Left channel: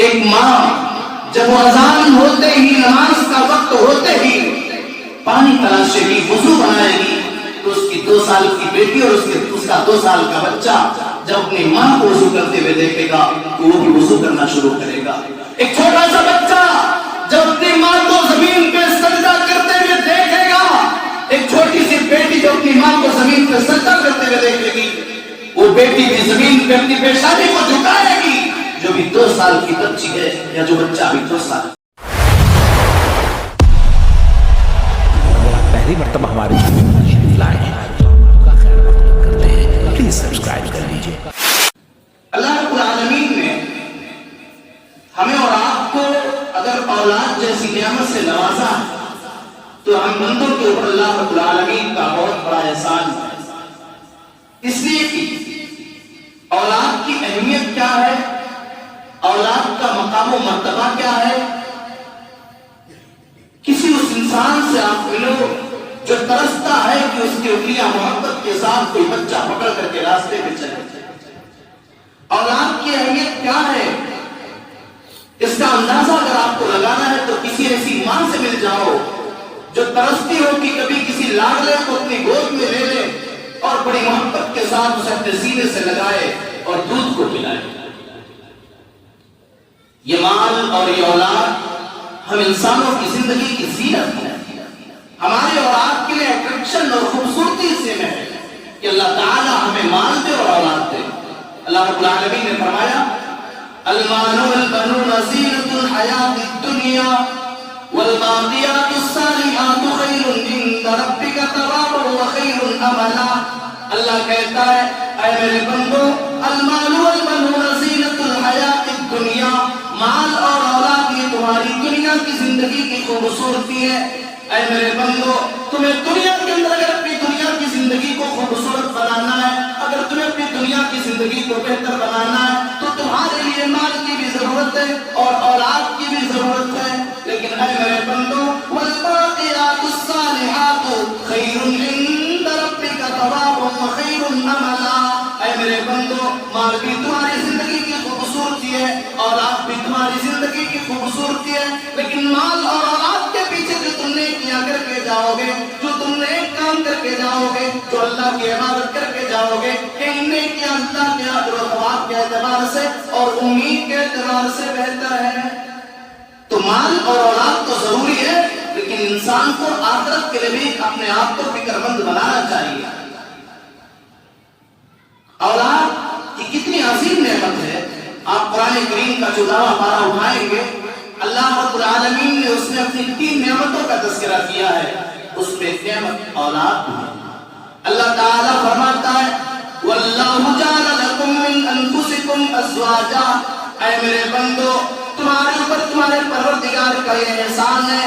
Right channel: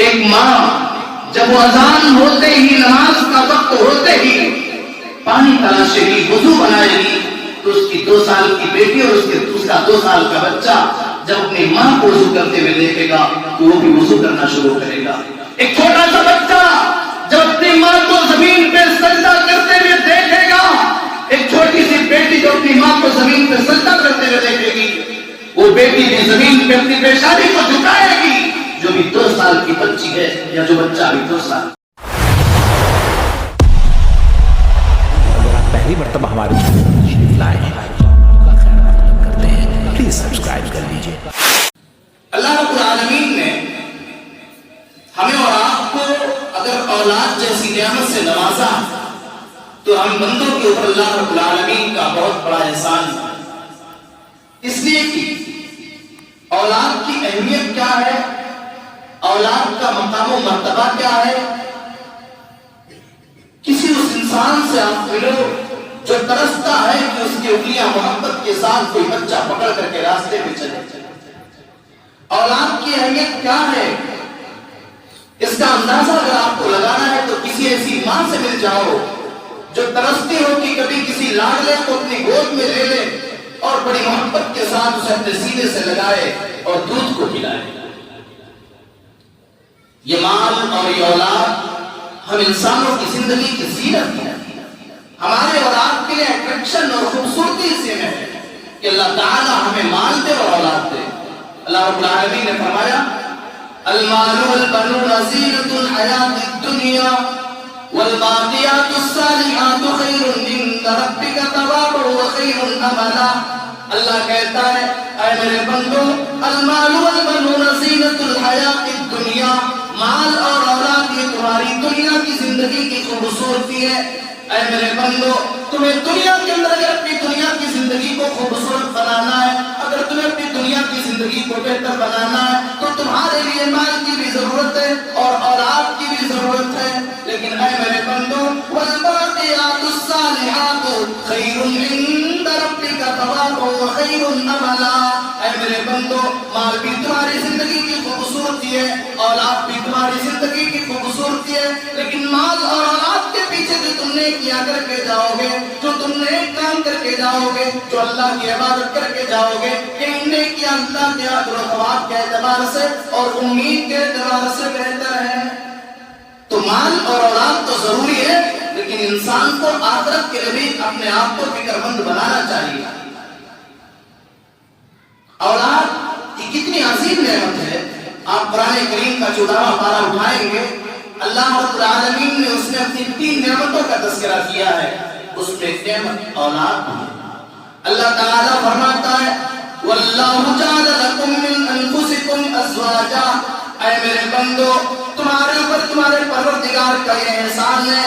ایک ماں جب وہ اذان ہوتے ہی نماز کا وقت ہوتے ہی پانی تلاشے گی، وضو بنائے گی، تو اس کی 2 سال کی بیٹی اور اس کا 2 سال کا بچہ جب اپنی ماں کو وضو کرتے ہوئے دیکھے گا تو وہ بھی وضو کرنا شروع کرے گا۔ ایک چھوٹا سا بچہ جب اپنی ماں کو زمین پہ سجدہ کرتے ہوئے دیکھے گا، ایک چھوٹی سی بیٹی جو اپنی ماں کو زمین پہ سجدہ کرتے ہوئے دیکھے گی، وہ بیٹی بھی زمین پہ اپنی پیشانی کو جھکائے گی، جو بھی 2 سال کی بچی ہے یا جو بچہ بھی 2 سال۔ اگر آپ پہلی مرتبہ ہمارے چینل پر تشریف لائے ہیں تو ہم آپ کا خیر مقدم کرتے ہیں، پلیز سبسکرائب کر لیجیے۔ اللہ رب العالمین نے ہمیں اور آپ کو اگر اولاد جیسی نعمت سے نوازا تو ہم بندوں کے اوپر اللہ رب العالمین کا بہت بڑا احسان ہے، اس لیے کہ اولاد کی اہمیت کیا ہے، اولاد کا مقام و مرتبہ کیا ہے۔ کسی اس انسان سے آپ ملو جو ترستا ہے کہ اس کی انگلیاں محبت کے ساتھ کوئی بچہ پکڑ کر کے راستے پہ چلے۔ اولاد کی اہمیت کیا ہے، اس کا اندازہ اگر آپ کو لگانا ہے تو کسی ایسی ماں سے مل جاؤ جو ترستی ہو کہ کبھی کسی لاڈلے کو اپنی گود میں لے لے اور بڑی محبت کے ساتھ اسے اپنے سینے سے لگائے اور دودھ کو پلائے۔ یہ مال اور یہ اولاد ہم انسانوں کی زندگی کی زینت ہے، ہمارے اور آپ کے لیے اٹریکشن اور خوبصورتی سے ہے کہ اللہ تعالیٰ ہمیں مال دے اور اولاد دے۔ اللہ رب العالمین نے فرمایا المال والبنون زینۃ الحیاۃ الدنیا والباقیات الصالحات خیر عند ربک ثوابا وخیر املا۔ اللہ کہتا ہے اے میرے بندو، المال والبنون زینۃ الحیاۃ الدنیا، مال اور اولاد یہ تمہاری دنیا کی زندگی کی خوبصورتی ہے۔ اے میرے بندو، تمہیں دنیا کے اندر اگر اپنی دنیا کی زندگی کو خوبصورت بنانا ہے، اگر تمہیں اپنی دنیا کی زندگی کو بہتر بنانا ہے تو تمہارے لیے مال کی بھی ضرورت ہے اور اولاد کی بھی ضرورت ہے، لیکن اے میرے بندو والباقیات الصالحات خیر عند ربک ثوابا وخیر املا۔ اے میرے بندو، مال بھی تمہاری زندگی کی خوبصورتی ہے، اولاد بھی تمہاری زندگی کی خوبصورتی ہے، لیکن مال اور اولاد کے پیچھے جو تم نے کیا کر کے جاؤ گے، جو تم نے کام کر کے جاؤ گے، جو اللہ کی عبادت کر کے جاؤ گے، کہ ان نے کیا اللہ کے اجر و ثواب کے اعتبار سے اور امید کے اعتبار سے بہتر ہے۔ تو مال اور اولاد تو ضروری ہے، لیکن انسان کو آخرت کے لیے بھی اپنے آپ کو فکر مند بنانا چاہیے۔ اولاد یہ کتنی عظیم نعمت ہے، آپ قرآن کریم کا 14واں پارہ اٹھائیں گے، اللہ رب العالمین نے اس میں اپنی 3 نعمتوں کا تذکرہ کیا ہے، اس میں ایک نعمت اولاد ہے۔ اللہ تعالیٰ فرماتا ہے وَاللَّهُ جَعَلَ لَكُم مِّنْ أَنفُسِكُمْ أَزْوَاجًا۔ اے میرے بندو، تمہارے اوپر تمہارے پروردگار کا یہ احسان ہے،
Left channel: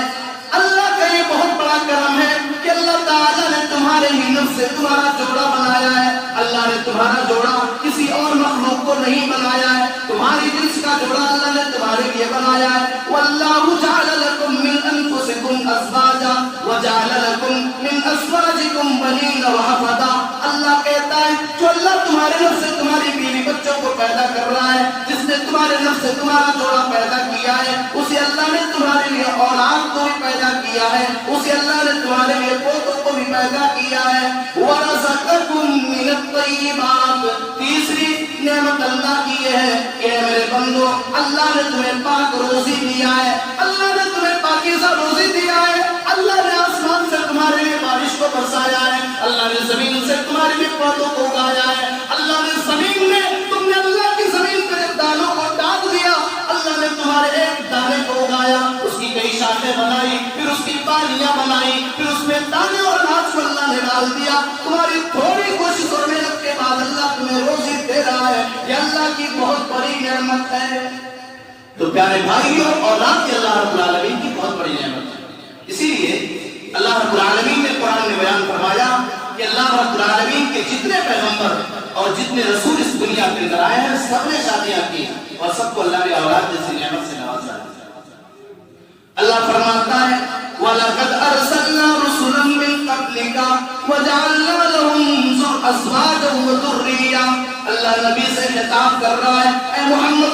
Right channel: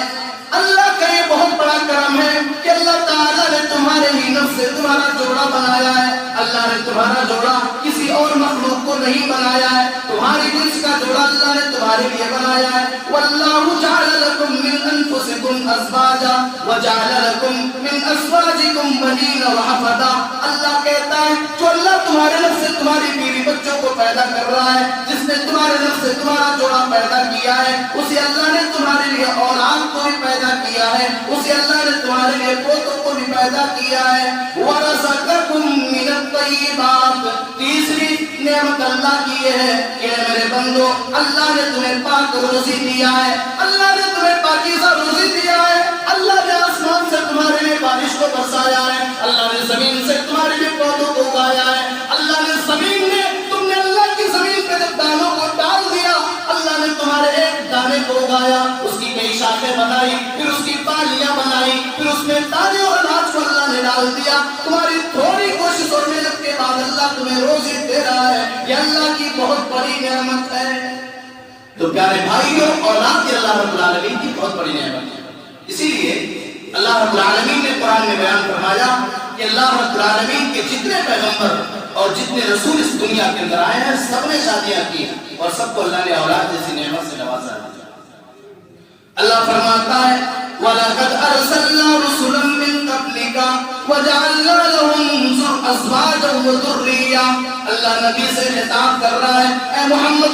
اللہ کا یہ بہت بڑا کرم ہے کہ اللہ تعالیٰ نے تمہارے ہی نفس سے تمہارا جوڑا بنایا ہے۔ اللہ نے تمہارا جوڑا کسی اور مخلوق کو نہیں بنایا ہے، تمہاری جنس کا جوڑا اللہ نے تمہارے لیے بنایا ہے۔ وَاللَّهُ جَعَلَ لَكُم مِّنْ أَنفُسِكُمْ أَزْوَاجًا وَجَعَلَ لَكُم مِّنْ أَزْوَاجِكُمْ بَنِينَ وَحَفَدًا۔ اللہ کہتا ہے جو اللہ تمہارے نفس سے تمہاری بیوی بچوں کو پیدا کر رہا ہے، جس نے تمہارے نفس سے تمہارا جوڑا پیدا کیا ہے، اسی اللہ نے تمہارے لیے اولاد کو بھی پیدا کیا ہے، اسی اللہ نے تمہارے لیے پوتوں کو بھی پیدا کیا ہے۔ وَرَزَقَكُم مِّنَ الطَّيِّبَاتِ۔ تیسری نعمت اللہ کی یہ ہے کہ میرے بندو، اللہ نے تمہیں پاک روزی دیا ہے، اللہ نے تمہیں پاکیزہ روزی دیا ہے، اللہ نے آسمان سے تمہارے لیے بارش کو برسایا ہے، اللہ نے زمین سے تمہارے لیے پودوں کو اگایا ہے، اللہ نے زمین میں تم نے اللہ کی زمین پہ جب دانوں کو ڈال دیا، اللہ نے تمہارے ایک دانے کو اگایا، اس کی کئی شاخیں بنائی، پھر اس کی پالیاں بنائی، پھر اس میں دانے اور اناج کو اللہ نے ڈال دیا، تمہاری تھوڑی کوشش اور محنت کے بعد اللہ تمہیں روزی دے رہا ہے، یہ اللہ کی بہت بڑی نعمت ہے۔ تو پیارے بھائیوں، اولاد کی اللہ رب العالمین کی بہت بڑی نعمت ہے، اسی لیے اللہ رب العالمین نے قرآن میں بیان فرمایا کہ اللہ رب العالمین کے جتنے پیغمبر اور جتنے رسول اس دنیا کے اندر آئے ہیں، سب نے شادیاں کی اور سب کو اللہ نے اولاد جیسی نعمت سے نوازا ہے۔ اللہ فرماتا ہے وَلَقَدْ أَرْسَلْنَا رُسُلًا مِّن قَبْلِكَ وَجَعَلْنَا لَهُمْ أَزْوَاجًا وَذُرِّيَّةً۔ اللہ نبی سے خطاب کر رہا ہے، اے محمد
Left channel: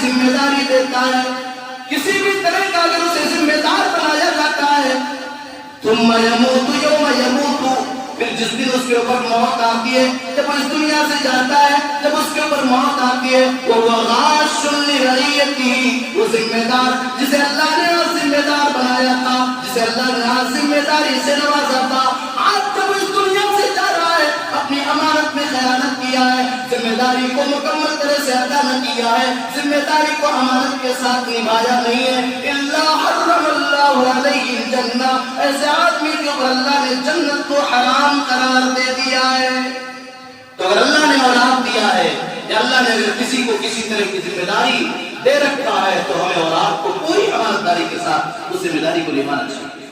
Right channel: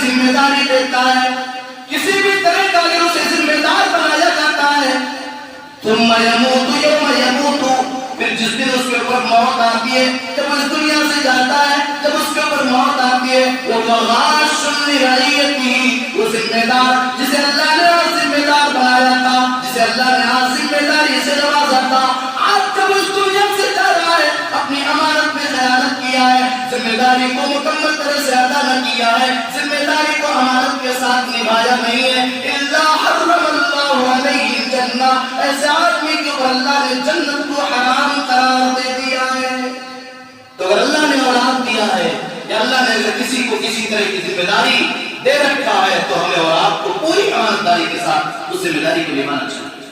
کی ذمہ داری دیتا ہے، کسی بھی طرح کا اگر اسے ذمہ دار بنایا جاتا ہے، ثم يموت يوم يموت، پھر جس دن اس کے اوپر موت آتی ہے، جب اس دنیا سے جاتا ہے، جب اس کے اوپر موت آتی ہے، وہ غاش لرعیتہ، وہ ذمہ دار جسے اللہ نے ذمہ دار بنایا تھا، جسے اللہ نے ذمہ داری سے نوازا تھا، آج جب اس دنیا سے جا رہا ہے، اپنی امانت میں خیانت کیا ہے، ذمہ داری کو مکمل طرح سے ادا نہ کیا ہے، ذمہ داری کو امانت کے ساتھ نبھایا نہیں ہے، الا حرم اللہ علیہ الجنہ، ایسے آدمی کو اللہ نے جنت کو حرام قرار دے دیا ہے۔ تو اگر اللہ نے اولاد دیا ہے یا اللہ نے اگر کسی کو کسی طرح کی ذمہ داری دے رکھا ہے تو ہمیں اولاد کو پوری امانتداری کے ساتھ اس ذمہ داری کو نبھانا چاہیے۔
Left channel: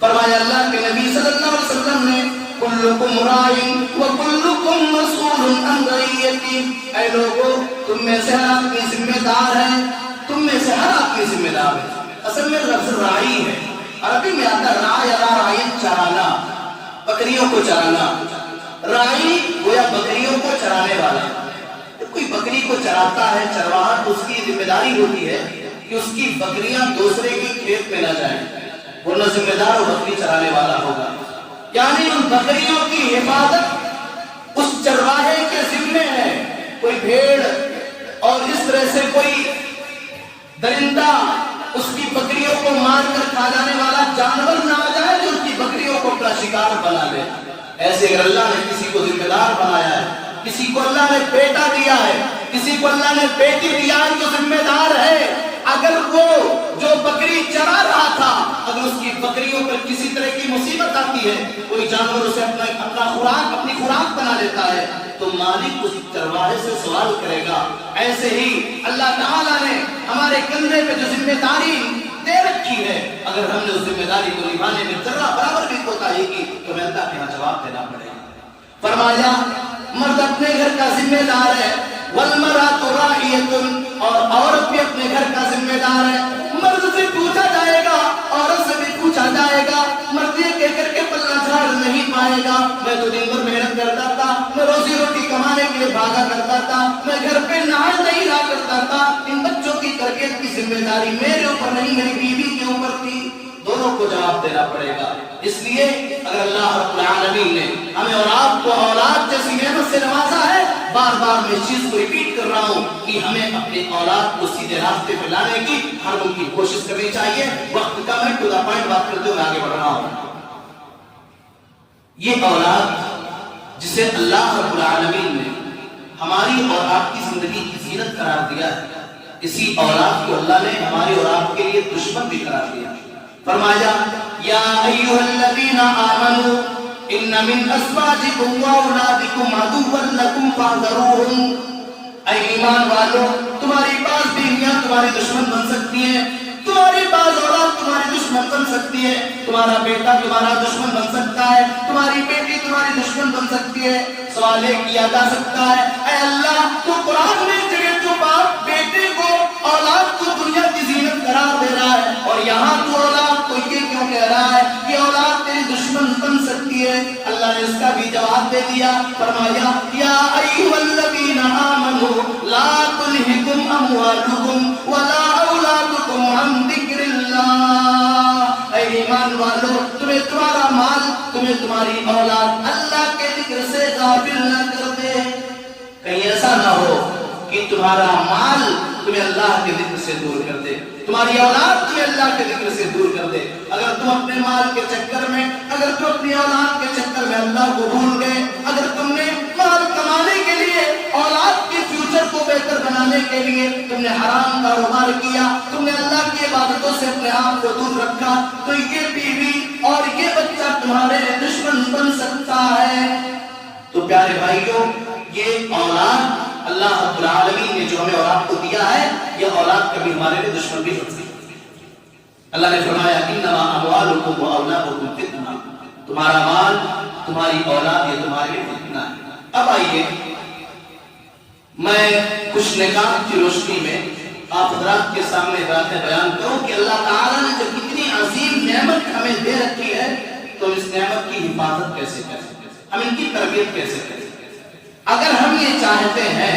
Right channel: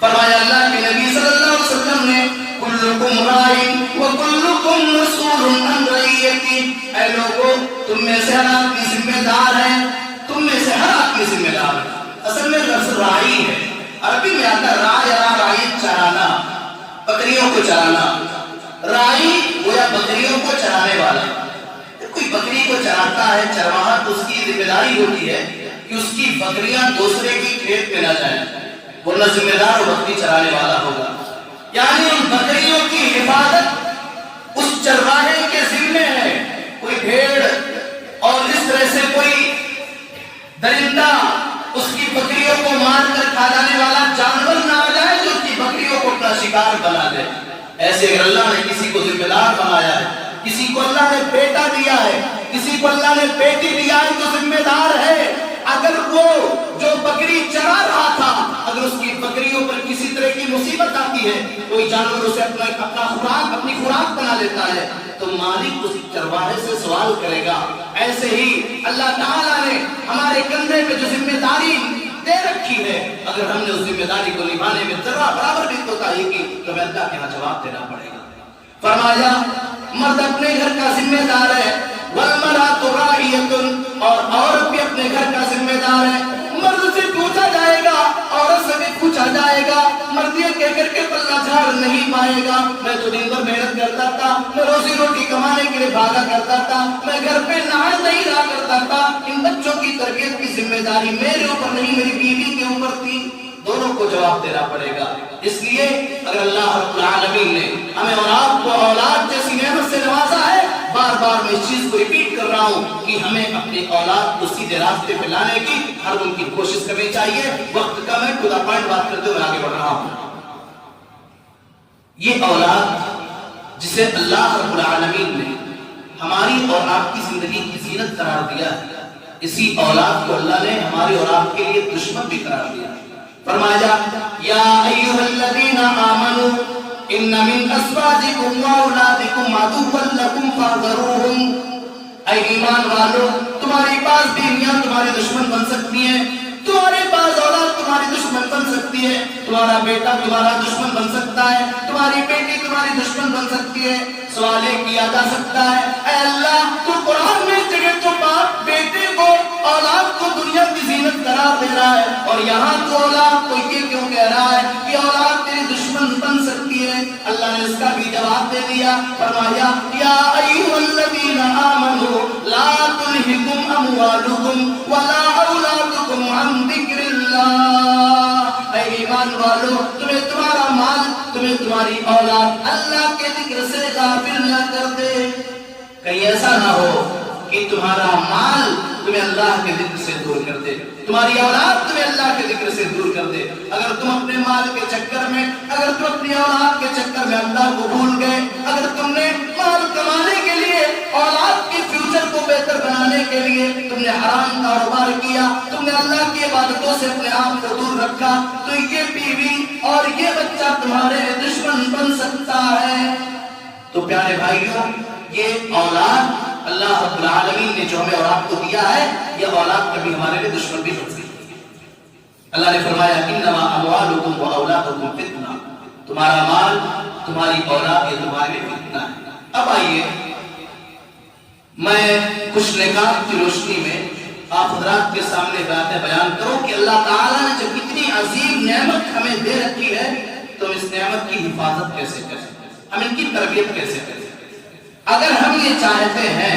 فرمایا اللہ کے نبی صلی اللہ علیہ وسلم نے کلکم راعٍ وکلکم مسئول عن رعیتہ، اے لوگوں تم میں سے ہر آدمی ذمہ دار ہے، تم میں سے ہر آدمی ذمہ دار ہے۔ اصل میں لفظ راعی ہے، عربی میں آتا ہے راعی یا راعی چرانا، بکریوں کو چرانا، راعی گویا بکریوں کو چرانے والا۔ کوئی بکری کو چراتا ہے چرواہا تو اس کی ذمہ داری ہوتی ہے کہ اس کی بکریاں دوسرے کی کھیت میں نہ جائیں، ورنہ ذمہ دار وہ بکری چرانے والا ہوگا۔ یعنی ان بکریوں کی حفاظت اس چرواہے کے ذمے ہے۔ کوئی بھیڑ اور اس طرح سے کوئی درندہ اس کی بکریوں کو مار کر کھا جانے والا جانور نہ آ جائے جو اس کی بکریوں کو اپنا شکار بنا لے۔ ایسے اگر اللہ نے کسی کو ذمہ دار بنایا ہے، کسی کو اللہ نے بیٹا دیا ہے، کسی کو اللہ نے بیٹی دیا ہے تو ذمہ دار ہے۔ اگر وہ جو بکری چرا رہا تھا، اگر اس کی بکریوں پر کسی طرح کی مصیبت آتی ہے، کوئی جانور اسے اپنی خوراک بنا لیتا ہے، تو مالک اس چرواہے سے سوال کرے گا۔ ایسے ہی اللہ تعالیٰ نے ہمارے کندھے پہ جو ذمہ داری دے رکھی ہے، اگر ہم نے اس ذمہ داری کو نبھانے میں ذرا برابر بھی کوتاہی کی تو ہمیں اللہ کے یہاں جواب دینا پڑے گا۔ فرمایا مرد اپنے گھر کا ذمہ دار ہے، والمرأۃ راعیۃ، اور عورت بھی اپنے گھر کا ذمہ دار ہے۔ مرد سے پوچھا جائے گا، عورت سے بھی پوچھا جائے گا۔ مرد یہ کہہ کر کے پلہ جھاڑ نہیں پائے گا، میں تو دن بھر محنت کرتا تھا، میں روزی روٹی کمانے کے لیے بھاگا کرتا تھا، میں گھر پہ نہا نہیں رہا کرتا تھا، ان بچوں کی تربیت کی ذمہ داری میرے اوپر نہیں، میری بیوی کے اوپر تھی۔ دونوں کو جواب دینا پڑے گا۔ اس لیے اگر اللہ رب العالمین نے ہمیں اولاد جیسی نعمت سے نوازا ہے، بار بار میں اس چیز کو ریپیٹ کر رہا ہوں کہ ہمیں اپنی اولاد کو سیدھے راستے پہ لانے کی ہر ممکن کوشش کرنی چاہیے۔ وقت کم ہے، ٹو دا پوائنٹ بات کرتے ہوئے آگے بڑھ رہا ہوں۔ یہ اولاد جسے اللہ رب العالمین نے ہماری اور آپ کی زندگی کی زینت قرار دیا ہے، اسی اولاد کو اللہ نے ہماری اور آپ کے لیے دشمن بھی قرار دیا۔ فرمایا یا ایھا الذین آمنوا ان من ازواجکم واولادکم عدوا لکم فاحذروہم، اے ایمان والو تمہاری بعض بیویاں تمہاری دشمن بن سکتی ہیں، تمہاری بعض اولاد تمہاری دشمن بن سکتی ہے، تمہارا بیٹا تمہارا دشمن بن سکتا ہے، تمہاری بیٹی تمہاری دشمن بن سکتی ہے۔ سوال یہ کیا جا سکتا ہے، اے اللہ تو قرآن میں اس جگہ تو باپ بیٹے کو اولاد کو دنیا کی زینت قرار دے رہا ہے، اور یہاں تو اولاد کو یہ کیوں کہہ رہا ہے کہ اولاد تیری دشمن بن سکتی ہے؟ اللہ نے اس کا بھی جواب دے دیا۔ فرمایا یا ایھا الذین آمنوا لا تلھکم اموالکم ولا اولادکم عن ذکر اللہ، اے ایمان والو تمہیں تمہارا مال، تمہیں تمہاری اولاد اللہ کے ذکر سے غافل نہ کر دے۔ کہیں ایسا نہ ہو کہ تمہارا مال تمہیں اللہ کے ذکر سے دور کر دے، تمہاری اولاد تمہیں اللہ کے ذکر سے دور کر دے۔ اگر تم اپنے مال کے چکر میں، اگر تم اپنی اولاد کے چکر میں اللہ کو بھول گئے، اگر تم نے مال کمانے کے لیے، اولاد کے فیوچر کو بہتر بنانے کے لیے تم نے حرام کاروبار کیا، تم نے اللہ کی عبادتوں سے اپنے آپ کو دور رکھا، تو یہ بیوی اور یہ بچہ تمہارے دشمن بن سکتا ہے۔ تو پیارے بھائیوں، یہ اولاد اللہ رب العالمین نے جو ہمیں اور آپ کو دیا ہے، یہ اولاد کبھی ہمارے لیے دشمن بھی بن سکتی ہے۔ اللہ نے فرمایا انما اموالکم واولادکم فتنہ، تمہارا مال، تمہاری اولاد یہ تمہارے لیے فتنہ ہے۔ اب آئیے میں کچھ نکات کی روشنی میں آپ حضرات کے سامنے باتیں بیان کروں کہ اللہ تعالیٰ نے جب اتنی عظیم نعمت ہمیں دے رکھی ہے تو ہم اس نعمت کی حفاظت کیسے کریں، ہم ان کی تربیت کیسے کریں۔ اگر ہم یہ چاہتے ہیں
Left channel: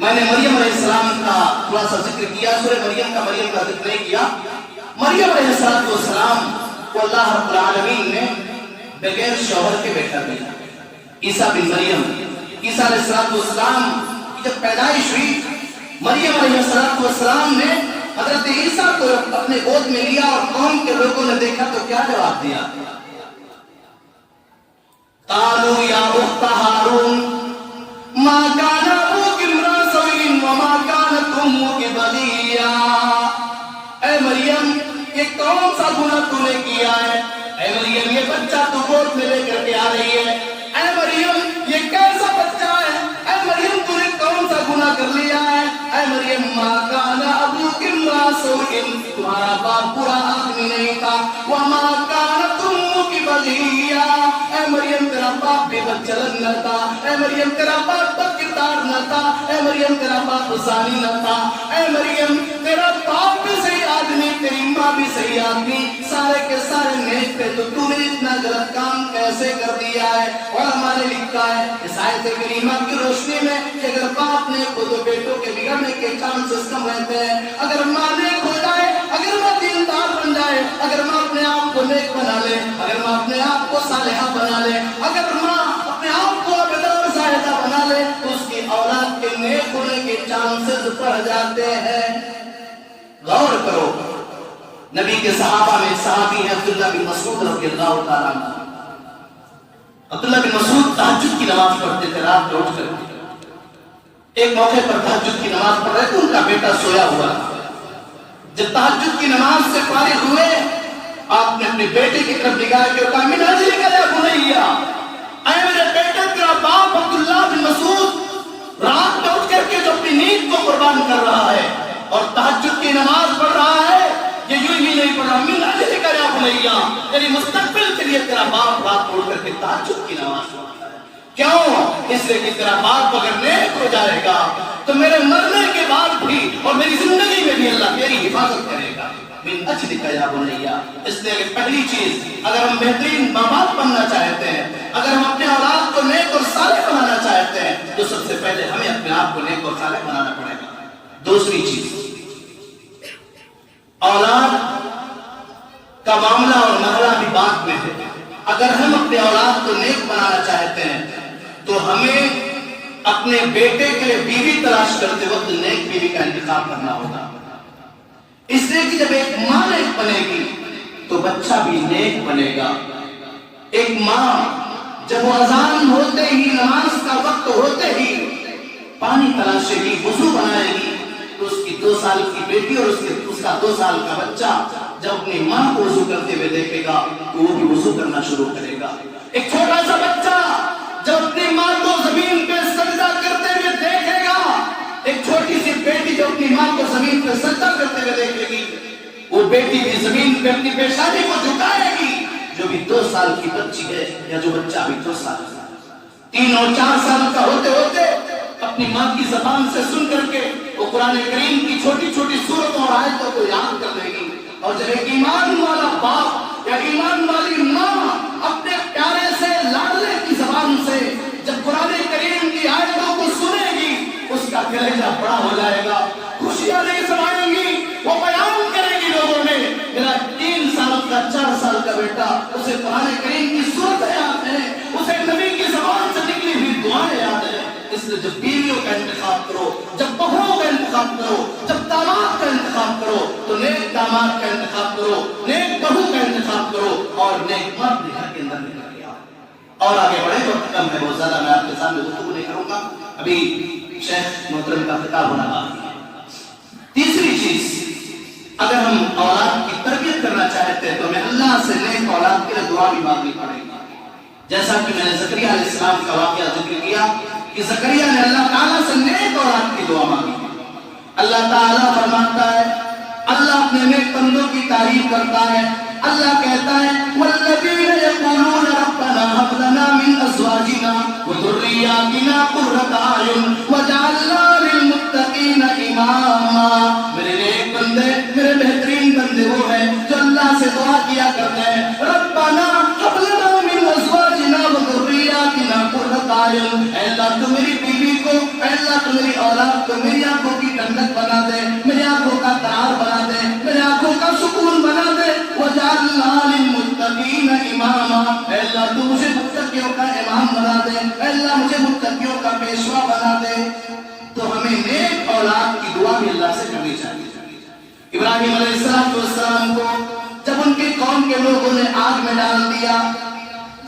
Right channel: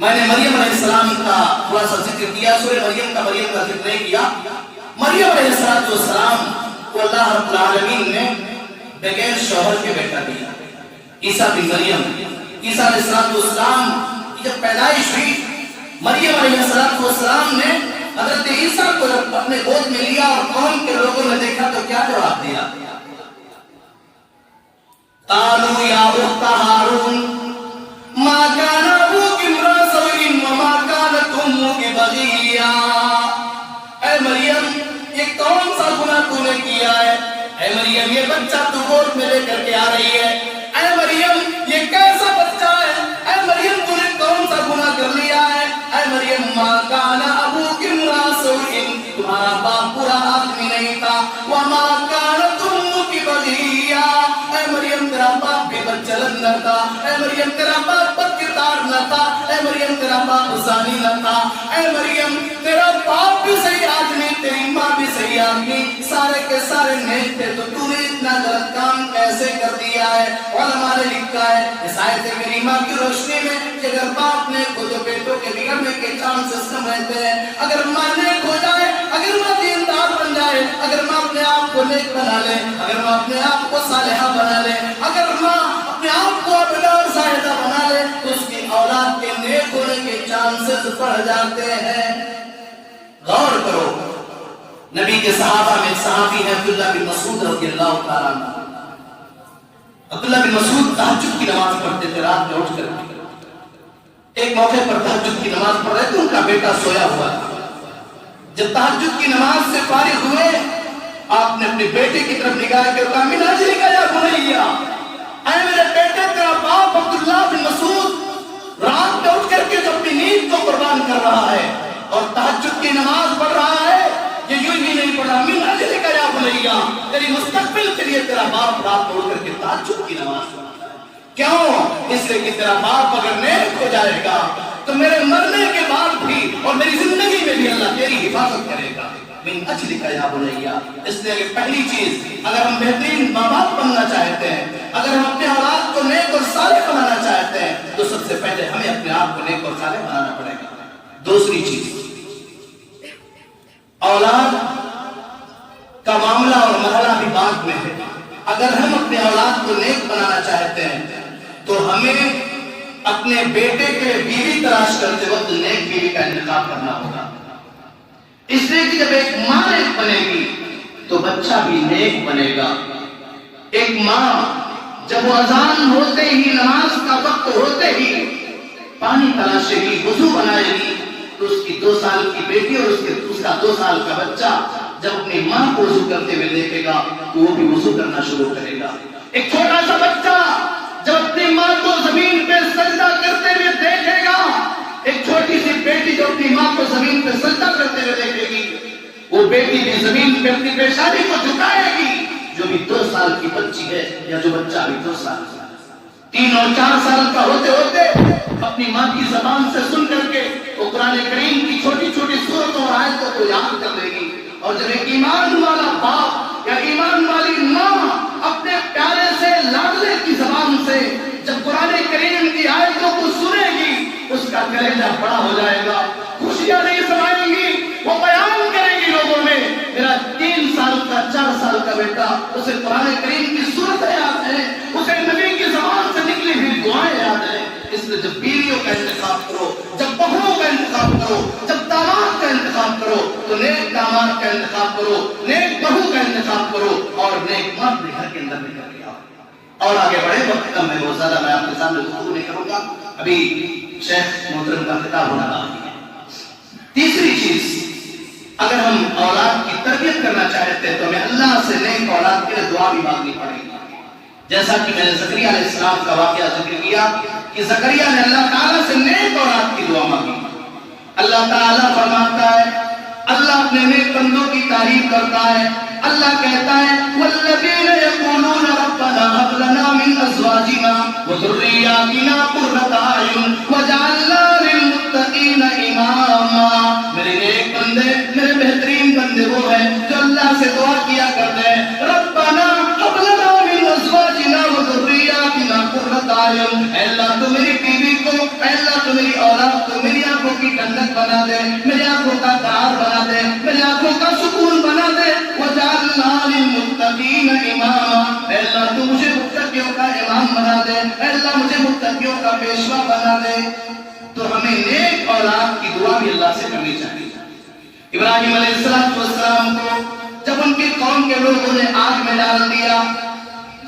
میں نے مریم علیہ السلام کا تھوڑا سا ذکر کیا، سورہ مریم کا ذکر نہیں کیا۔ مریم علیہ السلام کو اللہ رب العالمین نے بغیر شوہر کے بیٹا دیا، عیسیٰ بن مریم۔ عیسیٰ علیہ السلام کی جب پیدائش ہوئی، مریم علیہ السلام نے حضرت عیسیٰ کو اپنے گود میں لیا اور قوم کے لوگوں نے دیکھا تو کیا جواب دیا؟ قالوا یا اخت ہارون ما کان ابوک امرأ سوء وما کانت امک بغیا۔ اے مریم، یہ کون سا گناہ تو نے کیا ہے؟ اے مریم، یہ بچہ تو گود میں لے کر کے آ رہی ہے، اے مریم یہ کیسا بچہ ہے؟ اے مریم تو نے کون سا گناہ کر لیا ہے؟ اے مریم ما کان ابوک امرأ سوء، تمہارا باپ برا آدمی نہیں تھا، وما کانت امک بغیا، اے مریم تیرا باپ بے بدچلن نہ تھا، اے مریم تیرا باپ بد کردار نہ تھا، اے مریم تیرا باپ زانی نہ تھا، اے مریم تیرا باپ بھی صحیح آدمی، تیری ماں بھی صحیح آدمی، سارے کے سارے نیک تھے، تو نے اتنا غلط کام کیسے کر دیا ہے؟ علماء نے لکھا ہے اس آیت کریمہ کی روشنی میں کہ اگر باپ نیک ہو تو بیٹوں کے بگڑنے کے چانسز کم رہتے ہیں، اگر ماں نیک ہو جائے، اگر ماں دیندار بن جائے، اگر ماں اپنے آپ کو نیک بنا لے، اگر ماں اپنے آپ کو صالحہ بنا لے، اگر ماں اپنے آپ کو عابدہ زاہدہ بنا لے تو اس کی اولاد کے نیک ہونے کے چانسز بڑھ جاتے ہیں۔ غور کرو، نبی کے صحابہ میں صحابی ہیں عبداللہ بن مسعود رضی اللہ تعالیٰ عنہ۔ عبداللہ بن مسعود تہجد کی نماز پڑھتے تھے رات میں اٹھ کر۔ ایک موقع پر تہجد کی نماز پڑھ رہے تھے، ان کا بیٹا سویا ہوا تھا۔ جب تہجد کی نماز سے فارغ ہوئے، آپ نے اپنے بیٹے کی طرف نگاہ کے کہا من اجلک یا بنیا، اے میرے بیٹے تیرا باپ عبداللہ بن مسعود رات میں اٹھ کر کے جو اپنی نیند کو قربان کر رہا ہے اور تہجد کی نماز پڑھ رہا ہے، یہ یوں ہی نہیں پڑھ رہا، من اجلک یا بنیا، تیری مستقبل کے لیے تیرا باپ رات میں اٹھ کر کے تہجد کی نماز پڑھ رہا ہے۔ کیوں؟ اس لیے کہ تیرا باپ اگر نیک ہو جائے گا تو میرے مرنے کے بعد بھی اور میری زندگی میں بھی اللہ تیری حفاظت کرے گا۔ من اجلک یا بنیا، اس لیے کہ پہلی چیز، اگر ہم بہترین ماں باپ بننا چاہتے ہیں، اگر ہم اپنے اولاد کو نیک اور صالح بنانا چاہتے ہیں تو سب سے پہلے ہمیں اپنے آپ کو نیک اور صالح بنانا پڑے گا۔ دوسری چیز، اولاد کا معاملہ اور مرحلہ بھی بعد میں ہے۔ اگر ہم اپنے اولاد کو نیک بنانا چاہتے ہیں تو ہمیں اپنے بیٹے کے لیے بیوی تلاش کرتے وقت نیک بیوی کا انتخاب کرنا ہوگا، اس لیے کہ جب ایک ماں نیک بنے گی تو بچہ بھی نیک بنے گا۔ ایک ماں جب وہ اذان ہوتے ہی، نماز کا وقت ہوتے ہی پانی تلاشے گی، وضو بنائے گی، تو اس کی 2 سال کی بیٹی اور اس کا 2 سال کا بچہ جب اپنی ماں کو وضو کرتے ہوئے دیکھے گا تو وہ بھی وضو کرنا شروع کرے گا۔ ایک چھوٹا سا بچہ جب اپنی ماں کو زمین پہ سجدہ کرتے ہوئے دیکھے گا، ایک چھوٹی سی بیٹی جو اپنی ماں کو زمین پہ سجدہ کرتے ہوئے دیکھے گی، وہ بیٹی بھی زمین پہ اپنی پیشانی کو جھکائے گی، جو بھی 2 سال کی بچی ہے یا جو بچہ بھی 2 سال کا 3 اور 4 سال کا ہوتے ہوتے اپنی ماں کی زبان سے سن کر کے وہ قرآن کریم کی چھوٹی چھوٹی سورتوں اور آیتوں کو یاد کر لے گی۔ اور جب ایک ایمان والا باپ یا ایمان والی ماں اپنے پیارے سے لاڈلے کی زبان سے جب قرآن کریم کی آیتوں کو سنے گی، اس کا کلیجہ بڑا ہو جائے گا، خوشیاں نہیں سنائیں گی، وہ بیان کریں گی لوگوں میں، میرا 3 سال کا 4 سال کا بیٹا، اسے قرآن کریم کی سورتیں یاد ہیں، اسے نبی کی زبان سے نکلی ہوئی دعائیں یاد ہیں۔ اس لیے جب بیویوں کا انتخاب کرو، جب بہوؤں کا انتخاب کرو، جب داماد کا انتخاب کرو تو نیک داماد کا انتخاب کرو، نیک بہو کا انتخاب کرو اور نیک مرد بھی گھر کے اندر نکل کے آؤ۔ اور آگے بڑھے، وقت کم ہے بہت زیادہ، میں آپ کے سامنے گفتگو نہیں کروں گا، ابھی شیخ محترم کا خطاب ہونا باقی ہے۔ تیسری چیز، اگر ہم اولاد کی تربیت کرنا چاہتے ہیں تو ہمیں اللہ سے نیک اولاد کے لیے دعا بھی مانگنی پڑے گی۔ جیسا کہ میں نے زکریا علیہ السلام کا واقعہ ذکر کیا کہ زکریا نے اللہ تعالیٰ سے نیک اولاد کی دعا مانگی۔ اللہ تعالیٰ فرماتا ہے، اللہ اپنے نیک بندوں کی تعریف کرتا ہے، اللہ کہتا ہے والذین یقولون ربنا هب لنا من ازواجنا وذرریاتنا قرۃ اعین واجعلنا للمتقین اماما۔ میرے نیک بندے، میرے بہترین بندے وہ ہیں جو اللہ سے دعا کیا کرتے ہیں، ربنا هب لنا من ازواجنا وذرریاتنا قرۃ اعین، اے اللہ تو میری بیوی کو، اے اللہ تو میری اولاد کو میری آنکھوں کی ٹھنڈک بنا دے، میری آنکھوں کا قرار بنا دے، میری آنکھوں کا سکون بنا دے، وَجَعَلْنَا لِلْمُتَّقِينَ إِمَامًا، اے اللہ تو مجھے متقیوں کا امام بنا دے، اے اللہ مجھے متقیوں کا پیشوا بنا دے۔ تو ہمیں نیک اولاد کی دعا بھی اللہ سے کرنی چاہیے۔ ابراہیم علیہ السلام کو جب ان کی قوم کے لوگوں نے آگ میں ڈال دیا،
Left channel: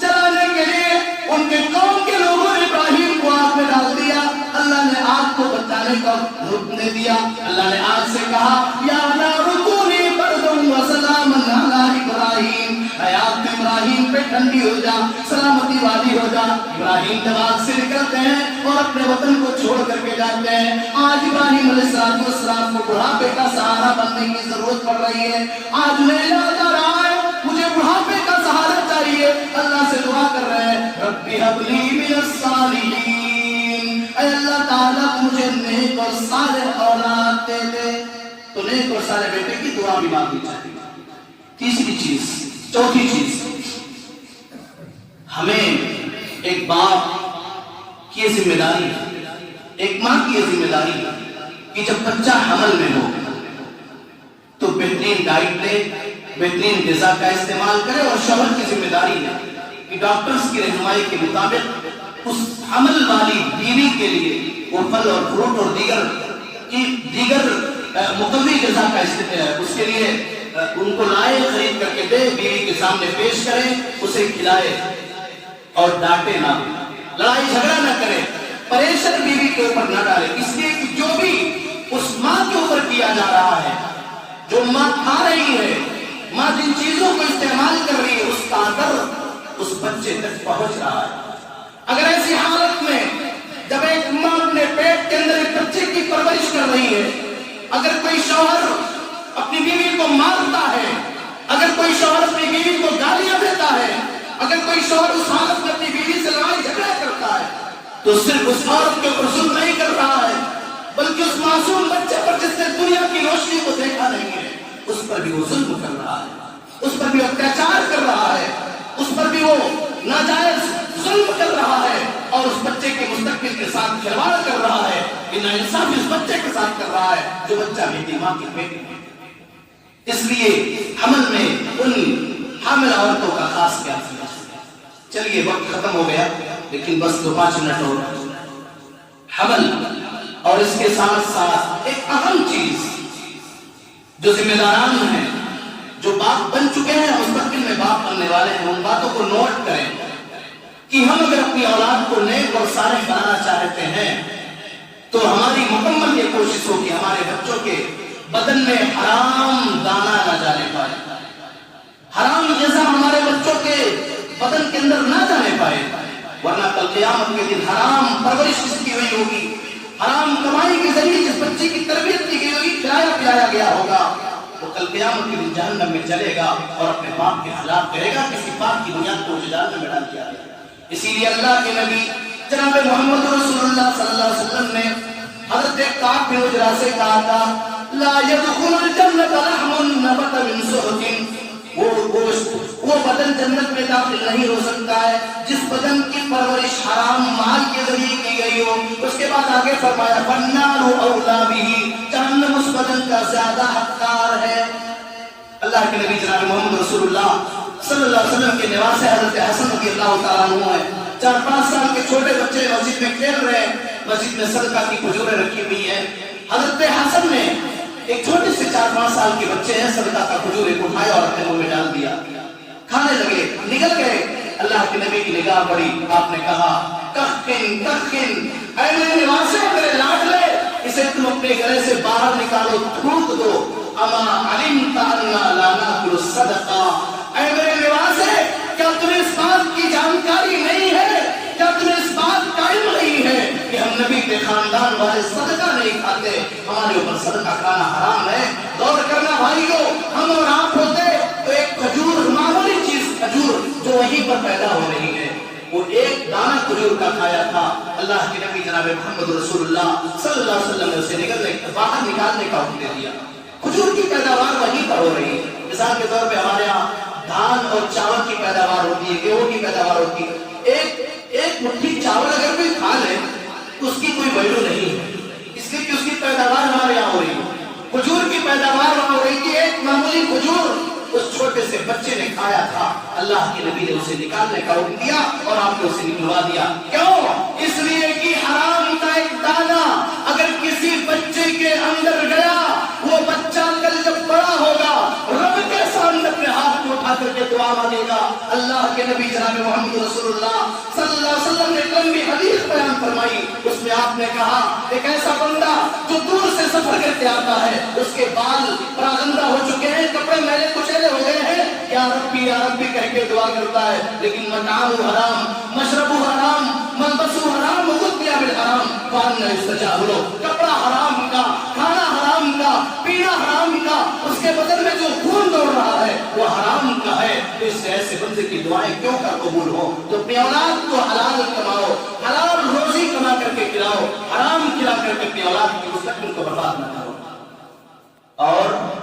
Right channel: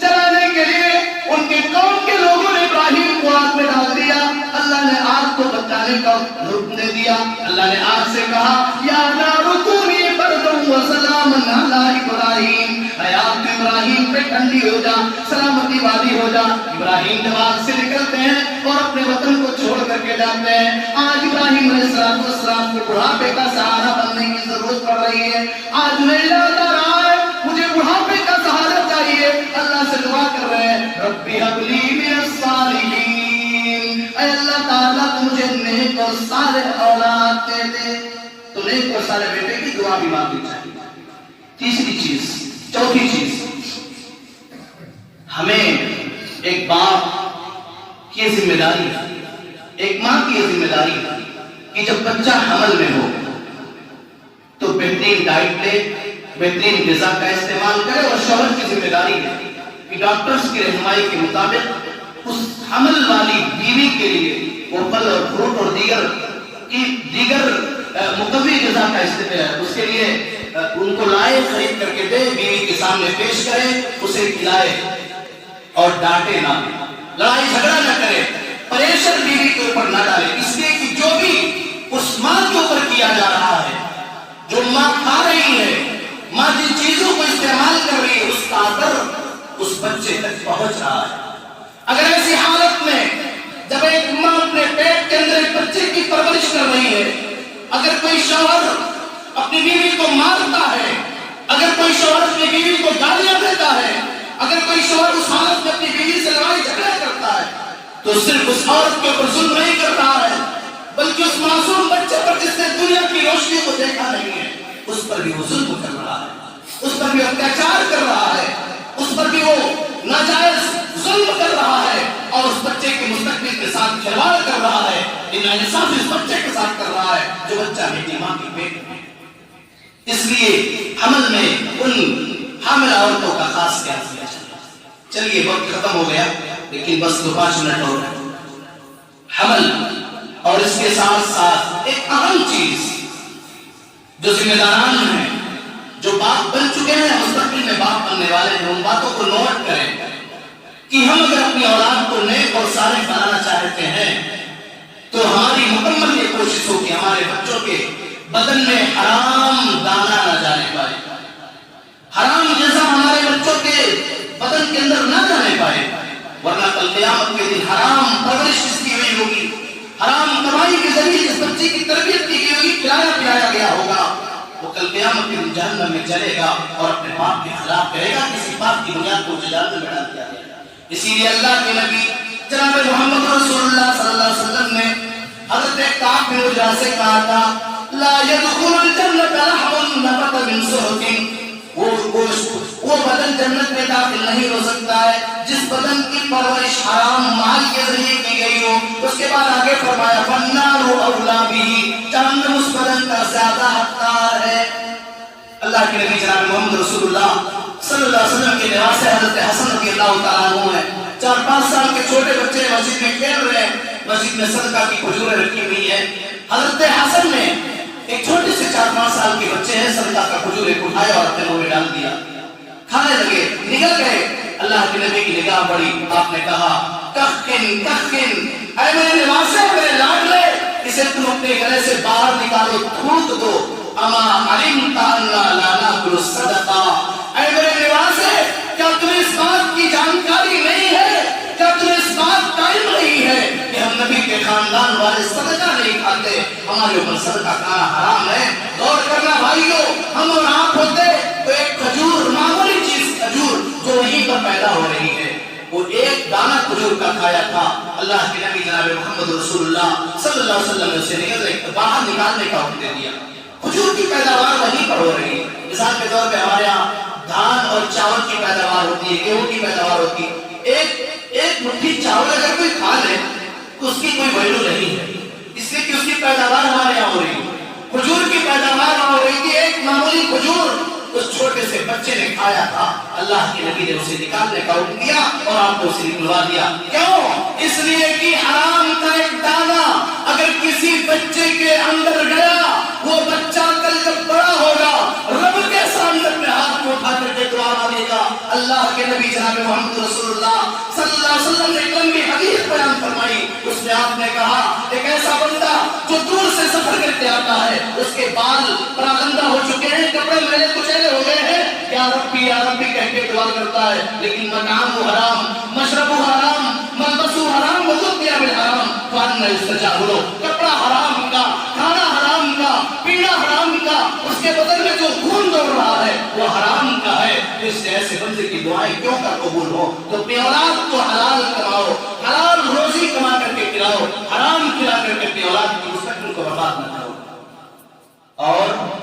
جلانے کے لیے ان کے قوم کے لوگوں نے ابراہیم کو آگ میں ڈال دیا، اللہ نے آگ کو بچانے کا حکم دے دیا۔ اللہ نے آگ سے کہا یا نار کونی بردا وسلاما علی ابراہیم، اے آگ ابراہیم پہ ٹھنڈی ہو جا، سلامتی والی ہو جا۔ ابراہیم جب آگ سے نکلتے ہیں اور اپنے وطن کو چھوڑ کر کے جاتے ہیں، آج ابراہیم علیہ السلام کو بڑھاپے کا سہارا بننے کی ضرورت پڑ رہی ہے۔ آج انہیں یاد آ رہا ہے مجھے بڑھاپے کا سہارا چاہیے، اللہ سے دعا کر رہے ہیں ربی هب لی من الصالحین، اے اللہ تعالیٰ مجھے نیک اور صالح اولاد دے دے۔ تو نیک اور صالح بیٹے کی دعا بھی مانگنی چاہیے۔ تیسری چیز، چوتھی چیز، ہمیں ایک باپ کی ذمہ داری ہے، ایک ماں کی ذمہ داری ہے کہ جب بچہ حمل میں ہو تو بہترین ڈائٹ لے، بہترین غذا کا استعمال کرے، اور شوہر کی ذمہ داری ہے کہ ڈاکٹرز کی رہنمائی کے مطابق اس حمل والی بیوی کے لیے وہ پھل اور فروٹ اور دیگر مقوی غذا کا استعمال، اس کے لیے ان کو لائے، خرید کر کے دے، بیوی کے سامنے پیش کرے، اسے کھلائے اور ڈانٹے نہ، لڑائی جھگڑا نہ کرے، پریشر بیوی کے اوپر نہ ڈالے، اس لیے کہ جو بھی اس ماں کے اوپر کیا جا رہا ہے، جو ماں کھا رہی ہے، ماں جن چیزوں کو استعمال کر رہی ہے، اس کا اثر اس بچے تک پہنچ رہا ہے۔ اگر ایسی حالت میں جب ایک ماں اپنے پیٹ کے اندر ایک بچے کی پرورش کر رہی ہے، اگر کوئی شوہر اپنی بیوی کو مارتا ہے، اگر کوئی شوہر اپنی بیوی کو گالیاں دیتا ہے، اگر کوئی شوہر اس حالت میں اپنی بیوی سے لڑائی جھگڑا کرتا ہے، تو صرف اس عورت کے اوپر ظلم نہیں کر رہا ہے، بلکہ اس معصوم بچے پر جس نے دنیا کی روشنی کو دیکھا نہیں ہے، اس پر بھی وہ ظلم کر رہا ہے، اس پر بھی اتیاچار کر رہا ہے، اس پر بھی وہ ناجائز ظلم کر رہا ہے، اور اس بچے کے مستقبل کے ساتھ کھلواڑ کر رہا ہے، انصاف اس بچے کے ساتھ کر رہا ہے جو بچہ بیٹی ماں کے پیٹ میں۔ اس لیے حمل میں ان حاملہ عورتوں کا خاص خیال رکھنا چاہیے۔ چلیے وقت ختم ہو گیا، لیکن بس 2-5 منٹ ہو گئے۔ حمل اور اس کے ساتھ ساتھ ایک اہم چیز جو ذمہ داران ہیں، جو باپ بن چکے ہیں، مستقبل میں باپ بننے والے ہیں، ان باتوں کو نوٹ کریں کہ ہم اگر اپنی اولاد کو نیک اور صالح بنانا چاہتے ہیں تو ہماری مکمل یہ کوشش ہو کہ ہمارے بچوں کے بدن میں حرام دانہ نہ جانے پائے، حرام جیسا ہمارے بچوں کے بدن کے اندر نہ جانے پائے، ورنہ کل قیامت کے دن حرام پرورش جس کی ہوئی ہوگی، حرام کمائی کے ذریعے جس بچے کی تربیت کی گئی ہوگی، کھلایا پلایا گیا ہوگا، وہ کل قیامت کے دن جہنم میں چلے گا اور اپنے باپ کے خلاف کرے گا، کسی بات کی بنیاد کو جہنم میں ڈال دیا گیا۔ اسی لیے اللہ کے نبی جناب محمد رسول اللہ صلی اللہ علیہ وسلم نے حضرت کعب بن عجرہ سے کہا تھا لا يدخل الجنة لحم نبت من سحت، وہ بدن جنت میں داخل نہیں ہو سکتا ہے جس بدن کی پرورش حرام مال کے ذریعے کی گئی ہو۔ اس کے بعد آگے فرمایا فالنار اولی بہ، جہنم اس بدن کا زیادہ حقدار ہے۔ اللہ کے نبی جناب محمد رسول اللہ صلی اللہ علیہ وسلم کے نواز سے حضرت حسن رضی اللہ تعالیٰ عنہ ہے، 4-5 سال کے چھوٹے بچے مسجد میں کھیل رہے ہیں، مسجد میں صدقہ کی کھجوریں رکھی ہوئی ہیں، حضرت حسن نے ایک چھوٹے سے 4-5 سال کے بچے ہیں، صدقہ کا کھجوریں اٹھایا اور اپنے منہ میں ڈال دیا، کھانے لگے، نکل گئے۔ اللہ کے نبی کی نگاہ بڑی، آپ نے کہا کخن کخن، اے میرے نواسے، میرے لاڈلے، اسے تم اپنے گلے سے باہر نکالو، تھوک دو، اما علمت انا لا ناکل الصدقہ، اے میرے نواسے، کیا تمہیں اس بات کی جانکاری نہیں ہے، کیا تمہیں اس بات کا علم نہیں ہے کہ ہم نبی کے خاندان والے صدقہ نہیں کھاتے، ہمارے اوپر صدقہ کھانا حرام ہے۔ غور کرنا بھائیو، ہم اور آپ ہوتے تو ایک کھجور، معمولی چیز کھجور جو وہیں پر پیدا ہو رہی ہے، وہ ایک دانہ کھجور کا کھایا تھا، اللہ کے نبی جناب محمد رسول اللہ صلی اللہ علیہ وسلم نے اسے باہر نکالنے کا حکم دے دیا۔ کھجور کی پیداوار وہیں پر ہو رہی ہے۔ مثال کے طور پہ ہمارے یہاں دھان اور چاول کی پیداوار ہوتی ہے، گیہوں کی پیداوار ہوتی ہے، ایک مٹھی چاول اگر کوئی کھا لے اس کی کوئی ویلو نہیں ہے، اس لیے کہ اس کی پیداوار ہمارے یہاں ہو رہی ہے. کھجور کی پیداوار وہاں ہو رہی تھی. ایک معمولی کھجور اس چھوٹے سے بچے نے کھایا تھا، اللہ کے نبی نے اسے نکالنے کا حکم دیا اور آپ کو اسے نکلوا دیا. کیوں؟ اس لیے کہ حرام کا ایک دانہ اگر کسی بچے کے اندر گیا، وہ بچہ کل جب بڑا ہوگا رب کے سامنے اپنے ہاتھ کو اٹھا کر کے دعا مانگے گا. اللہ کے نبی جناب محمد رسول اللہ صلی اللہ علیہ وسلم نے ایک لمبی حدیث بیان فرمائی. اس میں آپ نے کہا ایک ایسا بندہ جو دور سے سفر کر کے آتا ہے، اس کے بال پراگندہ ہو چکے ہیں، کپڑے میلے کچیلے ہو گئے ہیں، یا ربی کہہ کے دعا کرتا ہے، لیکن مطعمہ حرام، مشربہ حرام، ملبسہ حرام، وغذی بالحرام فأنى يستجاب له. کپڑا حرام کا، کھانا حرام کا، پینا حرام کا، اس کے بدن میں جو خون دوڑ رہا ہے وہ حرام کا ہے. اس سے ایسے بندے کی دعائیں کیوں کا قبول ہو؟ تو اپنی اولاد کو حلال کماؤ، حلال روزی کما کر کے کھلاؤ، حرام کھلا کر کے اپنی اولاد کی مستقبل کو برباد نہ کرو. اور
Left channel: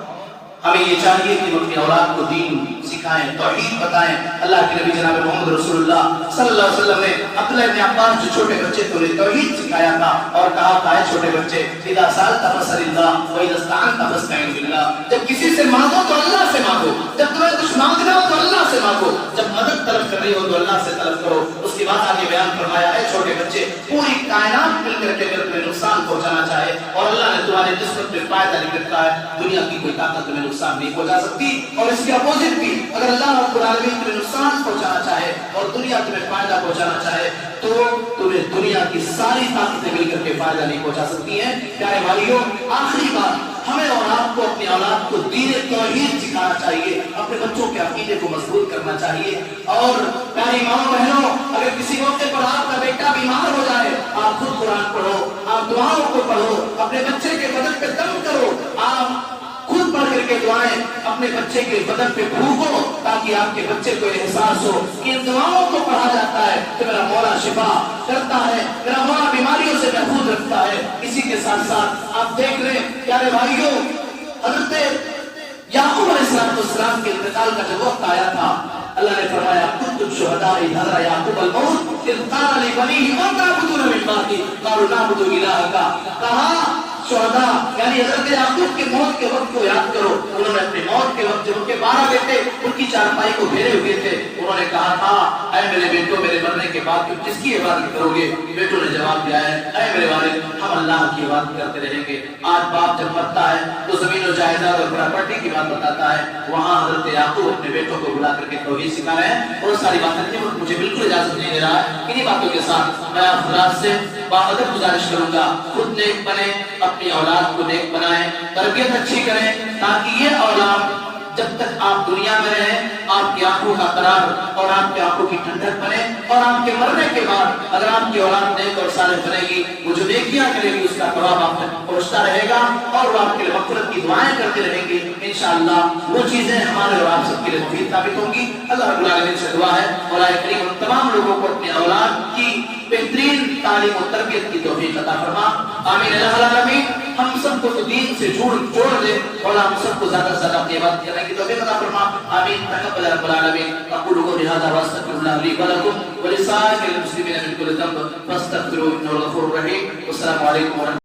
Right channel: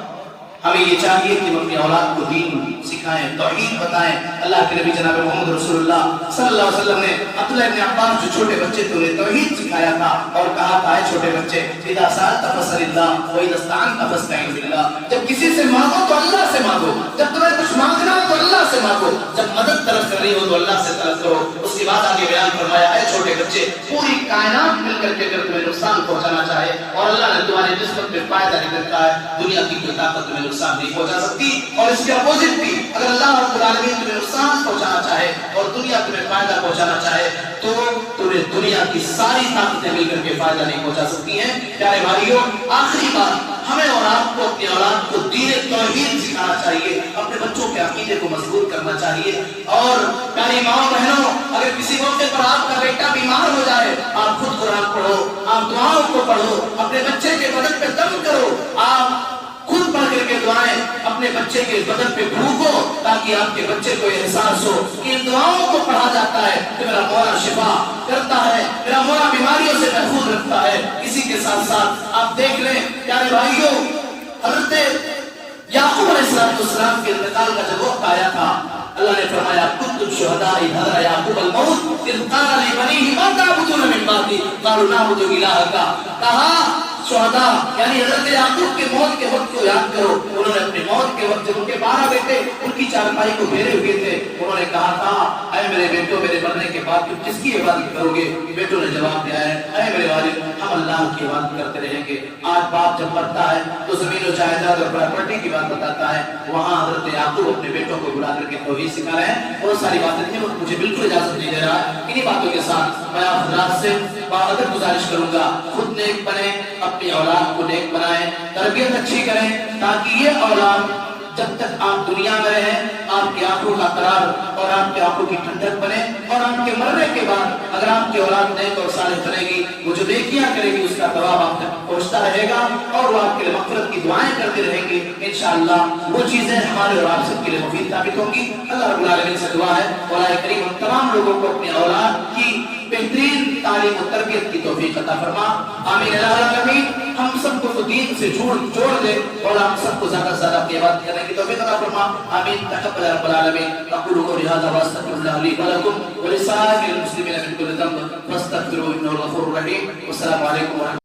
ہمیں یہ چاہیے کہ ہم اپنی اولاد کو دین سکھائیں، توحید بتائیں. اللہ کے نبی جناب محمد رسول اللہ صلی اللہ علیہ وسلم نے عبداللہ ابن عباس جو چھوٹے بچے کو توحید سکھایا تھا اور کہا تھا، اے چھوٹے بچے، اذا سألت فاسأل اللہ واذا استعنت فاستعن باللہ. جب کسی سے مانگو تو اللہ سے مانگو، جب تمہیں کچھ مانگنا ہو تو اللہ سے مانگو، جب مدد طلب کرنی ہو تو اللہ سے طلب کرو. اس کے بعد آگے بیان فرمایا، اے چھوٹے بچے، پوری کائنات مل کر کے اگر تمہیں نقصان پہنچانا چاہے اور اللہ نے تمہاری نسبت پہ فائدہ نہیں رکھا ہے، دنیا کی کوئی طاقت تمہیں نقصان نہیں پہنچا سکتی. اور اس کے اپوزٹ بھی، اگر اللہ رب العالمین تمہیں نقصان پہنچانا چاہے اور دنیا تمہیں فائدہ پہنچانا چاہے تو تمہیں دنیا کی ساری طاقتیں مل کر کے فائدہ نہیں پہنچا سکتی ہیں. پیارے بھائیوں، آخری بات، ہمیں اور آپ کو اپنی اولاد کو دین توحید سکھانا چاہیے، اپنے بچوں کے عقیدے کو مضبوط کرنا چاہیے. اور پیاری ماؤں بہنوں، اگر کسی موقع پر آپ کا بیٹا بیمار ہو جائے، آپ خود قرآن پڑھو، آپ دعاؤں کو پڑھو، اپنے بچے کے بدن پہ دم کرو، آپ خود پڑھ کر کے دعائیں اپنے بچے کے بدن پہ پھونکو تاکہ آپ کے بچے کو احساس ہو کہ ان دعاؤں کو پڑھا جاتا ہے کہ میرا مولا شفا کرتا ہے، میرا مولا بیماریوں سے محفوظ رکھتا ہے. اسی کے ساتھ ساتھ آپ دیکھ لیں پیارے بھائیوں، حضرت یعقوب علیہ السلام کے انتقال کا جب وقت آیا تھا، اللہ نے فرمایا کنتم شہداء اذ حضر یعقوب الموت اذ قال لبنیہ ما تعبدون من بعدی قالوا نعبد الہک. کہا شہداء یعنی حضرت یعقوب کے موت کے وقت کو یاد کرو. انہوں نے اپنے موت کے وقت جب ان کے 12 بیٹے ان کی چارپائی کو گھیرے ہوئے تھے، انہوں نے کہا تھا، اے میرے بیٹوں، میرے مرنے کے بعد تم کس کی عبادت کرو گے؟ بیٹوں نے جواب دیا ہے، اے میرے والد، ہم اللہ کی عبادت کرتے رہیں گے. آج باپ جب مرتا ہے تو زمین و جائیداد اور پراپرٹی کی بات بتاتا ہے، وہاں حضرت یعقوب اپنے بیٹوں کو بلا کر کے توحید سکھا رہے ہیں. اور ساری باتیں مجھے بالکل اجازت نہیں دے رہا ہے. انہی باتوں کے ساتھ میں آپ حضرات سے باقاعدہ گزارش کروں گا، خود نیک بنے، اپنی اولاد کو نیک بنائیں، تربیت اچھی کریں تاکہ یہ اولاد جب تک آپ دنیا میں رہیں آپ کی آنکھوں کا قرار اور آپ کی آنکھوں کی ٹھنڈک بنے، اور آپ کے مرنے کے بعد اگر آپ کی اولاد نیک اور صالح بنے گی، وہ جو نیکیاں کرے گی اس کا ثواب آپ تک پہنچتا رہے گا اور وہ آپ کے لیے مغفرت کی دعائیں کرتے رہیں گے. انشاءاللہ وہ چیزیں ہمارے اور آپ سب کے لیے مفید ثابت ہوں گی. اللہ رب العالمین سے دعا ہے مولا کریم ان تمام لوگوں کو اپنی اولاد کی بہترین تعلیم و تربیت کی توفیق عطا فرما. آمین اللہ العالمین. ہم سب کو دین سے جوڑ دے اور ہم سب کو زیادہ سے زیادہ اپنی عبادت کرنے کی توفیق عطا فرما. آمین. تقبل رب العالمین. اقول قولي هذا واستغفر الله لي ولكم ولسائر المسلمين من كل ذنب فاستغفروه انه الغفور الرحيم. والسلام عليكم ورحمة الله.